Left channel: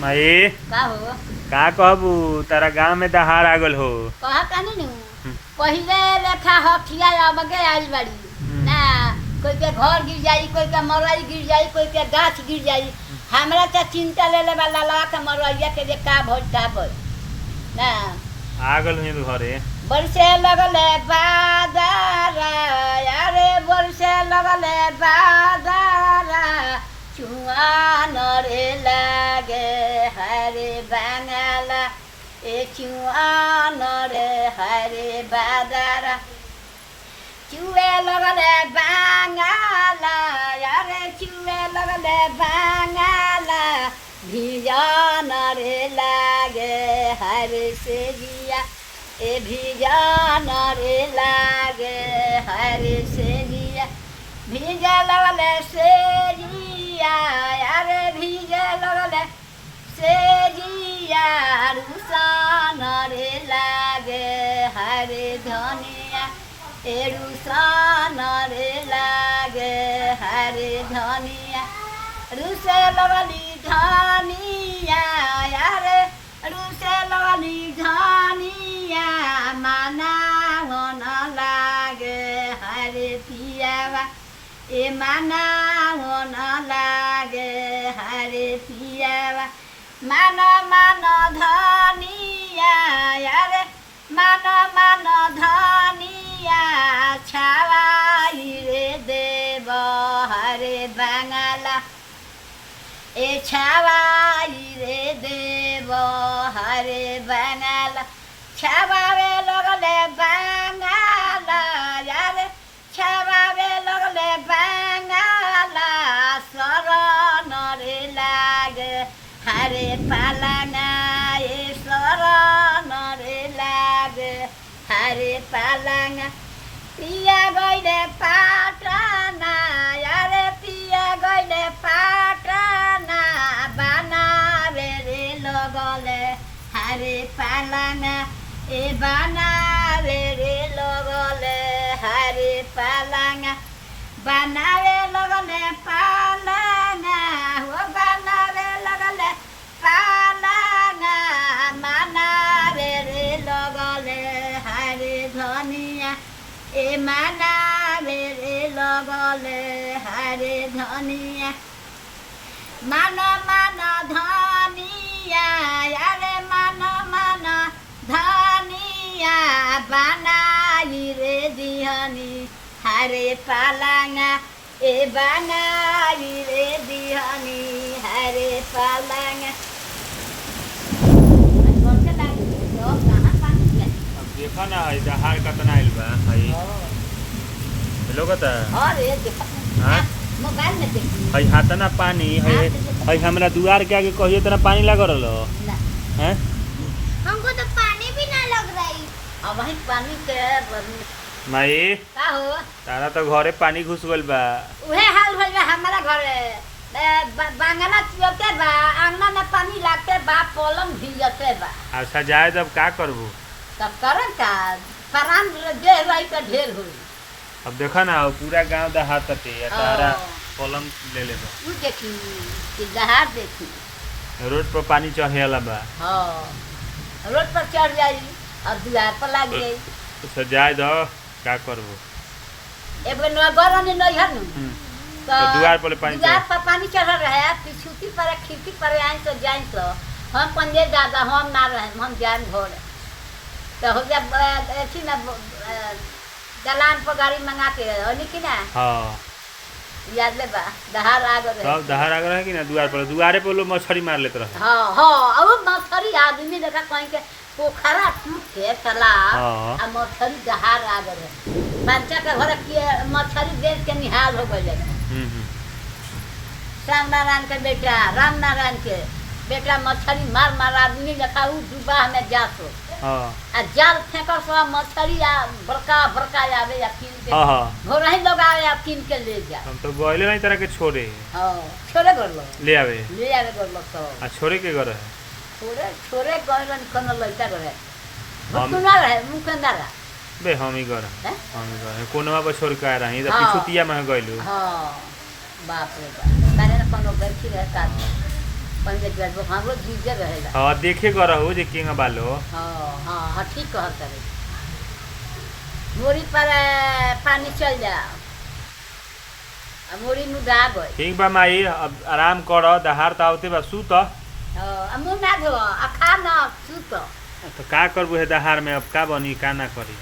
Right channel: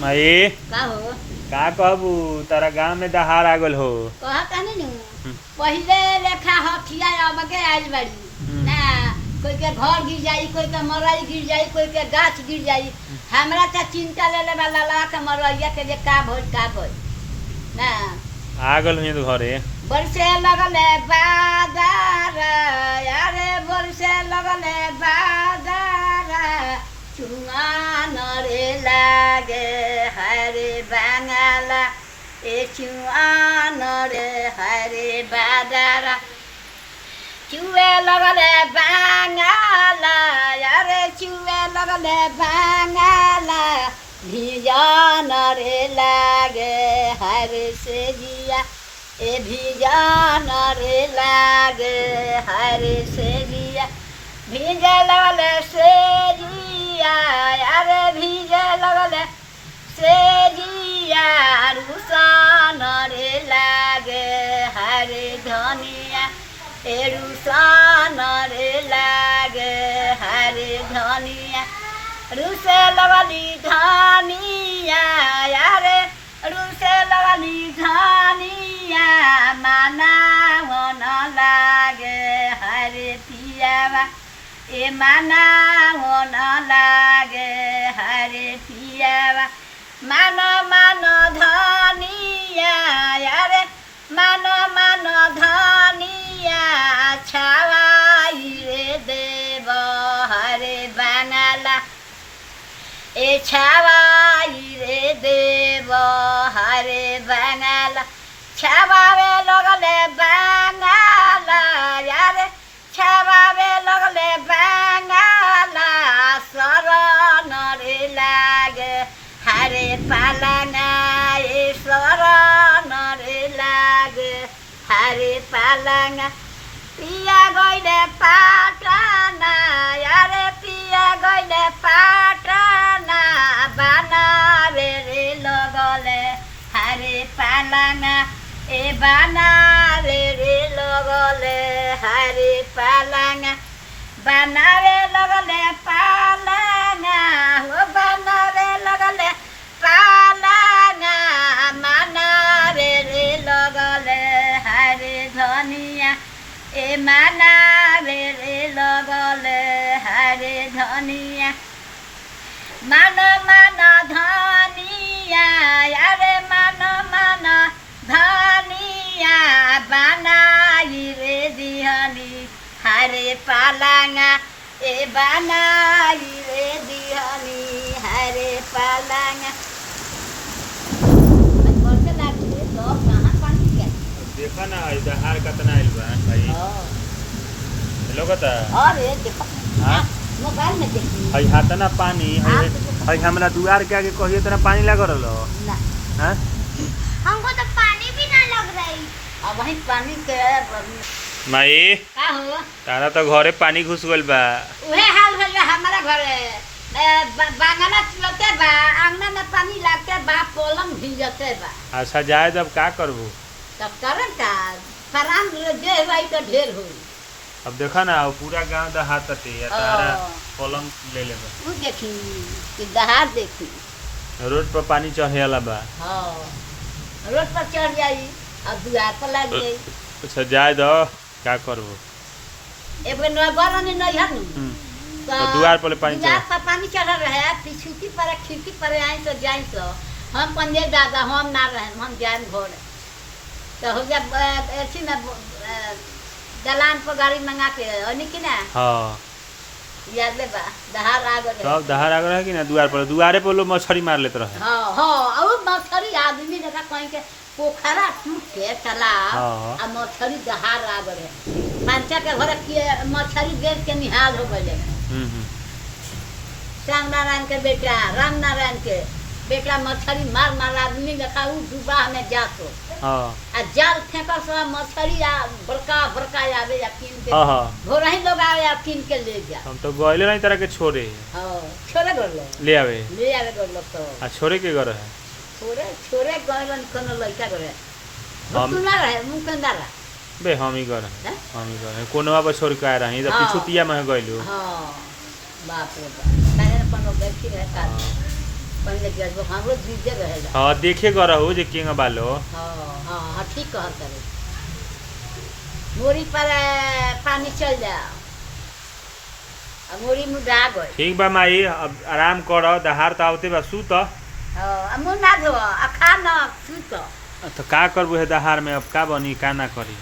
माई का हो का कहबू तारा गांव में दहाड़ आ गल हो। कहा तानी नु पहिले लेखा हथिया अब के आइल बाड़ी ना कोई के घर गिर जाई कोई के मरई गिर जाई कोई के गाछ गिर जाई हमरा त चिंता ले ले वाला ला के मरैया के जे का भइल ना आ गल हुई घरे बरसे लगले बादर अरे बरसे लगले बादर चुआन रे लागे हरे बांगला ए चुआन रे हरे बादर चुए लगले बांगला अरे चुए लगले बांगला भिजान रे लागे हरे से जिया ए भिजान रे लागे हरे से जिया भिजे लगले से जिया अरे भिजे लगले से जिया रुसान रे लागे हरे धनिया ए रुसान रे लागे हरे धनिया रुसे लगली धनिया अरे रुसे लगली धनिया माना होन लागे हरे पियावा ए माना होन लागे हरे पियावा मानो मानो धनिया अरे मानो मानो धनिया छावाई रे देव हरे बांगला ए छावाई रे देव हरे बांगला छावावे लगले बांगला यारे छावावे लगले बांगला शरण रे लागे हरे पालना ए शरण रे लागे हरे पालना पिया गइले पाटना यारे पिया गइले पाटना बनावे रे लगले हरे पालना ए बनावे रे लगले हरे पालना बनावे लगले पालना हो बनावे लगले पालना मनावे रे लगले हरे धनिया ए मनावे रे लगले हरे धनिया मानो मानो धनिया अरे मानो मानो धनिया बनाई रे दिहनी हरे पालंगा ए बनाई रे दिहनी हरे पालंगा देखा ना दहाड़ कतना आइल बा भाई हेलो कता अरे देखा हां मोबाइल में देखी हई हातना पानी हई हमरा दुआर के आगे कहिए तना पानी लाग रहलो ना हैं हमको तो पानी भी ना लग रही अब वही पानी के माई का हो तारा तो घरे पानी घुस गइल बा उहे हाल भइल बा हमारा घरे बांगला चलते बा आंगना में पानी लागते बा पलंग भीजते बा अच्छा जाए तब का करबू तब करन का परान जे भाई का ढेर होई अब देखा ना पूरा गांव दहाड़ तटे तारा पलंग ले ले बा तू देखी कि दहाड़ देखी रोड पर पानी चढ़ेला बा हां रोड पर चढ़ जाई और दुआर पर लग जाई अच्छा जाए दो का करबू एबे न गरन नहीं है नु तो दुआर पर पानी दुआर पर पानी चढ़ रहा है पिछुती पर खिड़की पर आई तो जाई तो हम पंजे दादा हम ना रहे हम जान घर तो हो जा ऐसी में दलान पर गाड़ी मंगा के होनी कि ना हां याद ले बा दहाड़ आ गए सब दहाड़ आ गए कि ना दुआरे पर लोग मछली मार लेत रहे हां हां अब मछली आदमी देखा कहीं के पोखरा टूट के तालाब आ मछली दहाड़ आ गए मांचा के घर के मछली बेच के निहाल हो गए श्याम नारायण के बेटा राम नारायण के बेटा मछली मार मार आदमी देखा उ डूबा में जातो आ जाल फेंका सब मछली आ बड़का बड़का आवे या कीन के घोर ही लोग आवे या कीन के ले जा हम तो गइले नहीं तरह के छोड़े हां छोड़े गलो ले आवे गलो तो आ छोड़े के घर है छोड़े गइलन कोनो लइका करे मुकुना रहे मुकुंदारा बे हम ही कर कोनवा पर छोड़ के आ रही तो पिछुतिया में गइलू हां बाप रे बाप तारे कोनो व्यक्ति रहता पहले जब हमरो जीते रहेला। हाँ देखे ग रहू जे केंगा बालो। हाँ हाँ हाँ ठीक कहत करे। मोरी पर पानी चल जाओ अब मोरी मुदा गई। ठीक बा माई अब आराम कर दहाड़ त आवते बा सुत। मुँह ना धो आ खा ना सुत। तो का करबू है दहाड़ में अब का बनी का ना करी।